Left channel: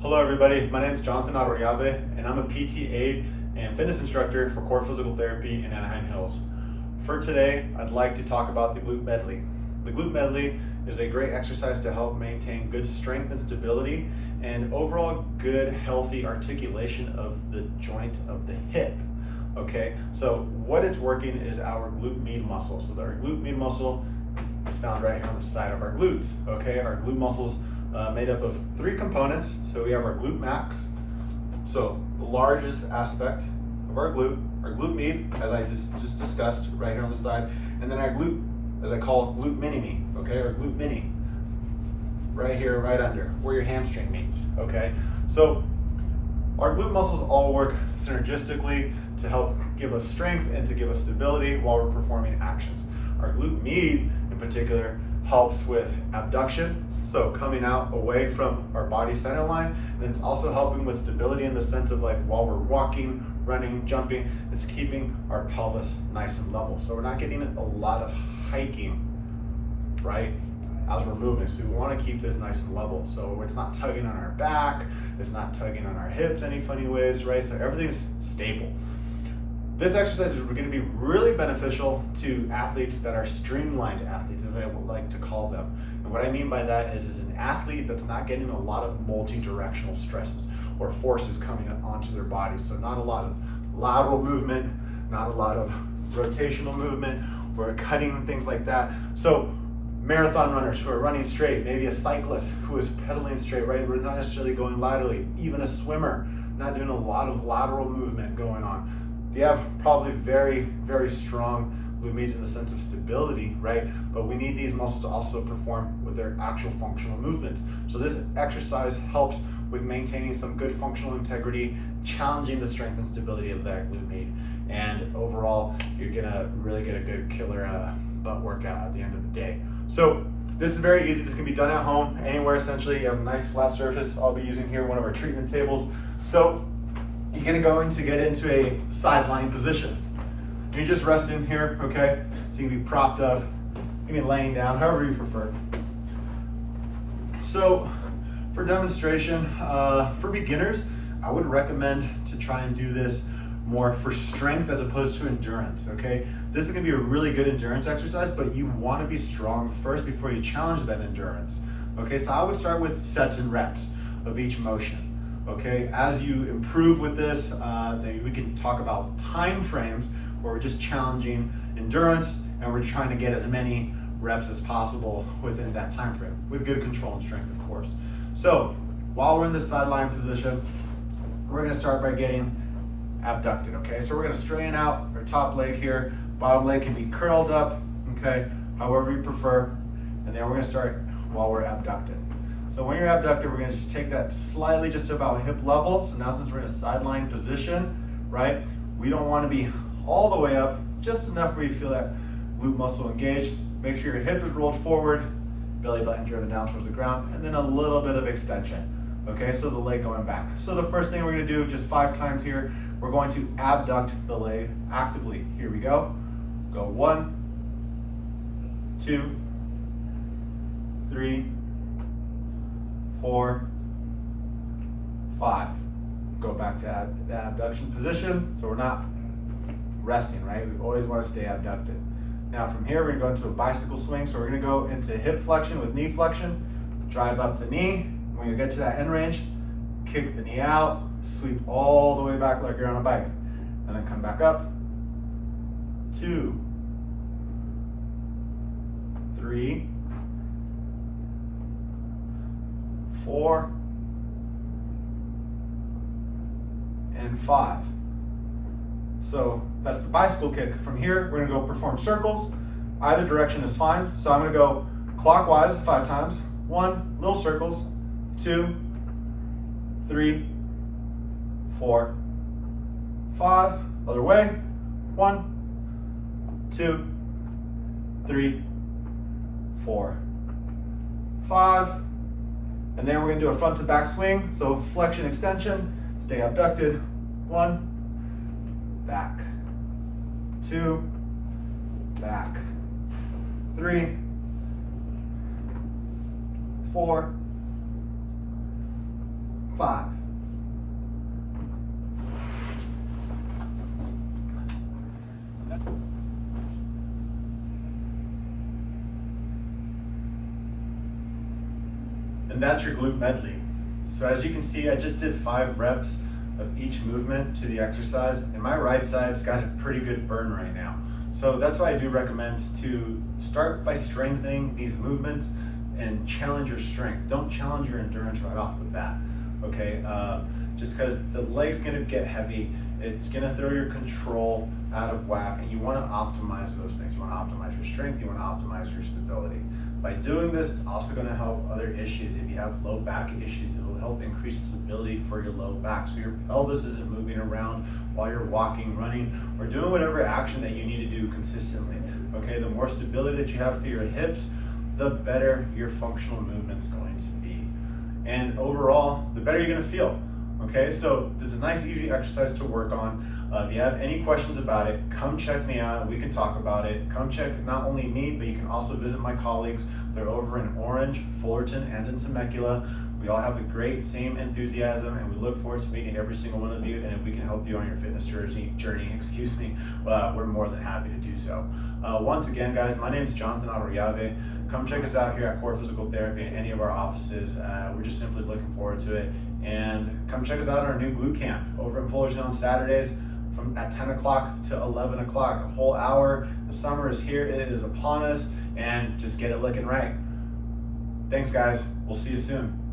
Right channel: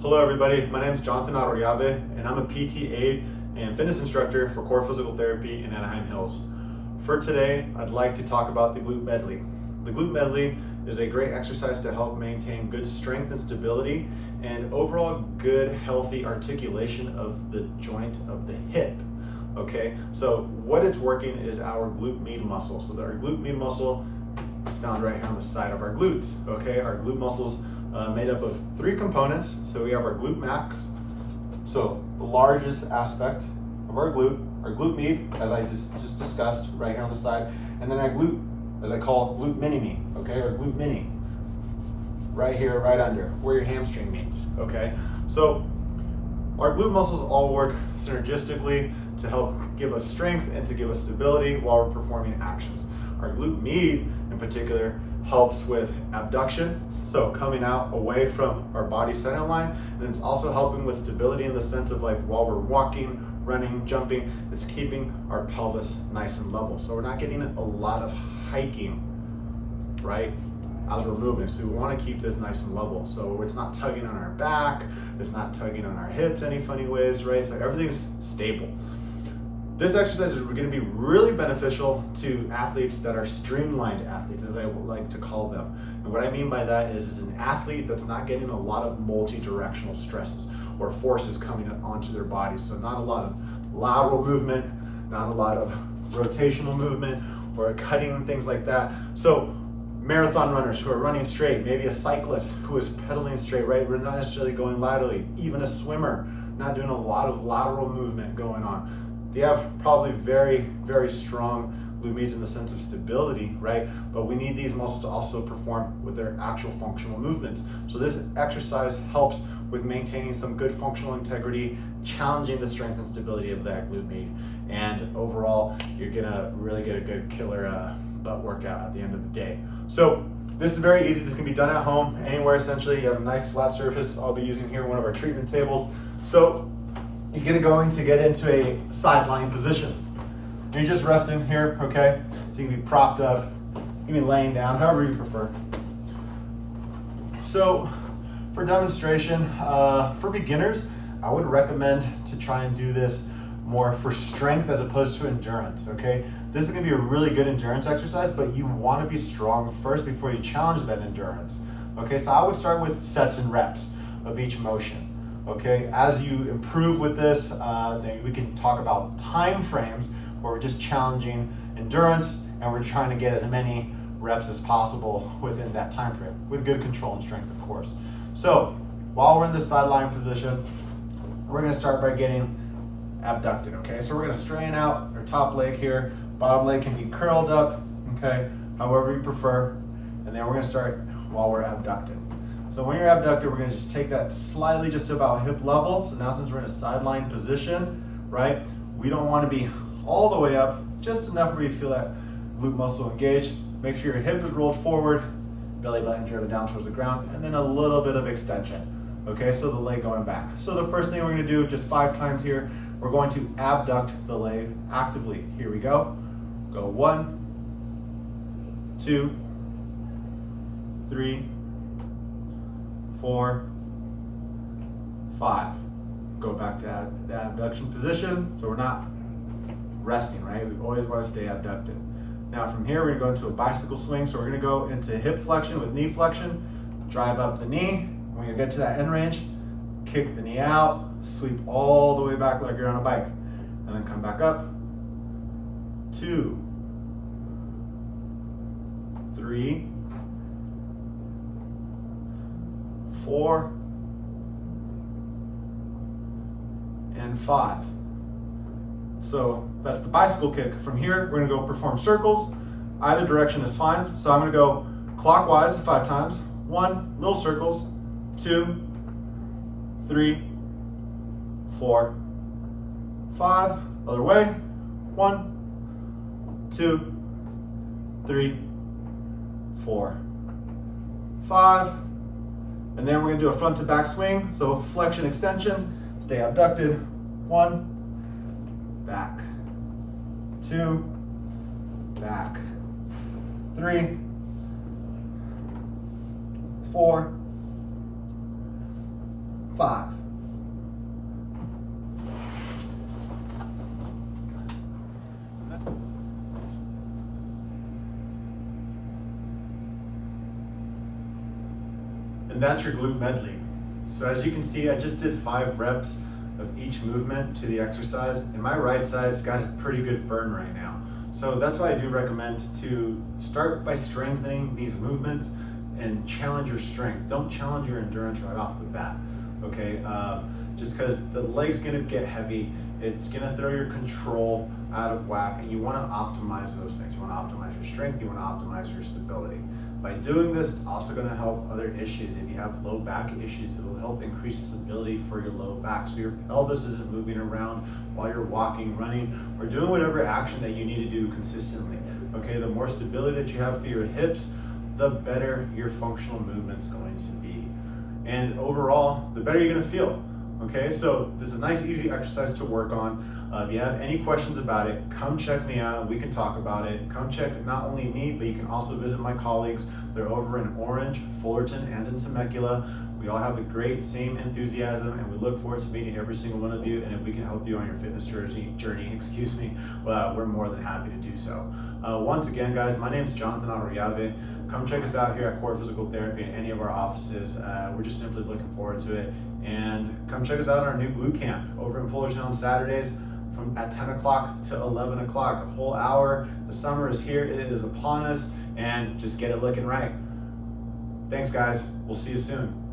Hello everybody, my name is Jonathan Arroyabe and I'm a PT aide and fitness instructor for Core Physical Therapy in Anaheim Hills. For today, I'd like to talk about the Glute Medley. The Glute Medley is a great exercise to help maintain good strength and stability and overall good healthy articulation of the joint of the hip. Okay, so what it's working is our glute med muscle. So our glute med muscle is found right here on the side of our glutes. Okay, our glute muscles made up of three components. So we have our glute max, so the largest aspect of our glute med, as I just discussed right here on the side, and then our glute, as I call it, glute mini, okay, or glute mini, right here, right under, where your hamstring meets, okay? So our glute muscles all work synergistically to help give us strength and to give us stability while we're performing actions. Our glute med, in particular, helps with abduction, so coming out away from our body center line, and then it's also helping with stability in the sense of like while we're walking, running, jumping, it's keeping our pelvis nice and level. So we're not getting a lot of hiking, right, as we're moving. So we want to keep this nice and level. So it's not tugging on our back, it's not tugging on our hips any funny ways, right? So everything's stable. This exercise is going to be really beneficial to athletes that are streamlined athletes, as I would like to call them. And what I mean by that is an athlete that's not getting a lot of multi-directional stresses or forces coming onto their body. So not a lot of lateral movement, not a lot of rotational movement or cutting, things like that. So marathon runners who are running straight, maybe a cyclist who is pedaling straight, right? We're not necessarily going laterally. Even a swimmer, not doing a lot of lateral movement going on. They have probably very, very strong glute med in the sense of stability, right? But we need these muscles to also perform with their actual functional movements. So this exercise helps with maintaining some good functional integrity, challenging the strength and stability of that glute med. And overall, you're gonna really get a good killer butt workout at the end of the day. So this is very easy. This can be done at home, anywhere essentially. You have a nice flat surface. I'll be using here one of our treatment tables. So you're going to get into a sideline position. You're just resting here, okay? So you can be propped up, you can be laying down, however you prefer. So for demonstration, for beginners, I would recommend to try and do this more for strength as opposed to endurance, okay? This is gonna be a really good endurance exercise, but you wanna be strong first before you challenge that endurance, okay? So I would start with sets and reps of each motion. Okay, as you improve with this, then we can talk about time frames where we're just challenging endurance and we're trying to get as many reps as possible within that time frame with good control and strength, of course. So while we're in the sideline position, we're going to start by getting abducted. Okay, so we're going to straighten out our top leg here. Bottom leg can be curled up, okay, however you prefer, and then we're going to start while we're abducted. So when you're abducted, we're going to just take that slightly just about hip level. So now since we're in a sideline position, right, we don't want to be all the way up, just enough where you feel that glute muscle engaged. Make sure your hip is rolled forward, belly button driven down towards the ground, and then a little bit of extension. Okay, so the leg going back. So the first thing we're going to do, just 5 times here, we're going to abduct the leg actively. Here we go. Go 1, 2, 3, 4, 5. Go back to the abduction position. So we're not resting, right? We always want to stay abducted. Now from here, we're going to go into a bicycle swing. So we're going to go into hip flexion with knee flexion, drive up the knee. When you get to that end range, kick the knee out, sweep all the way back like you're on a bike, and then come back up. 2, 3, 4, and 5. So that's the bicycle kick. From here, we're gonna go perform circles. Either direction is fine. So I'm gonna go clockwise 5 times. 1, little circles. 2, 3, 4, 5. Other way. 1, 2, 3, 4, 5. And then we're gonna do a front to back swing. So flexion, extension, stay abducted. 1, back. 2, back. 3, 4, 5. And that's your glute medley. So as you can see, I just did 5 reps of each movement to the exercise, and my right side's got a pretty good burn right now. So that's why I do recommend to start by strengthening these movements and challenge your strength. Don't challenge your endurance right off the bat, okay? Just because the leg's gonna get heavy, it's gonna throw your control out of whack, and you wanna optimize those things. You wanna optimize your strength, you wanna optimize your stability. By doing this, it's also gonna help other issues. If you have low back issues, it will help increase stability for your low back. So your pelvis isn't moving around while you're walking, running, or doing whatever action that you need to do consistently. Okay, the more stability that you have through your hips, the better your functional movement's going to be. And overall, the better you're gonna feel. Okay, so this is a nice, easy exercise to work on. If you have any questions about it, come check me out and we can talk about it. Come check not only me, but you can also visit my colleagues. They're over in Orange, Fullerton, and in Temecula. We all have the great same enthusiasm, and we look forward to meeting every single one of you. And if we can help you on your fitness journey, we're more than happy to do so. Once again, guys, my name is Jonathan Arriave. Come check us out here at Core Physical Therapy in any of our offices. We're just simply looking forward to it. And come check us out on our new glute camp over in Fullerton on Saturdays at 10 o'clock to 11 o'clock, a whole hour. The summer is here, it is upon us, and just get it looking right. Thanks, guys. We'll see you soon.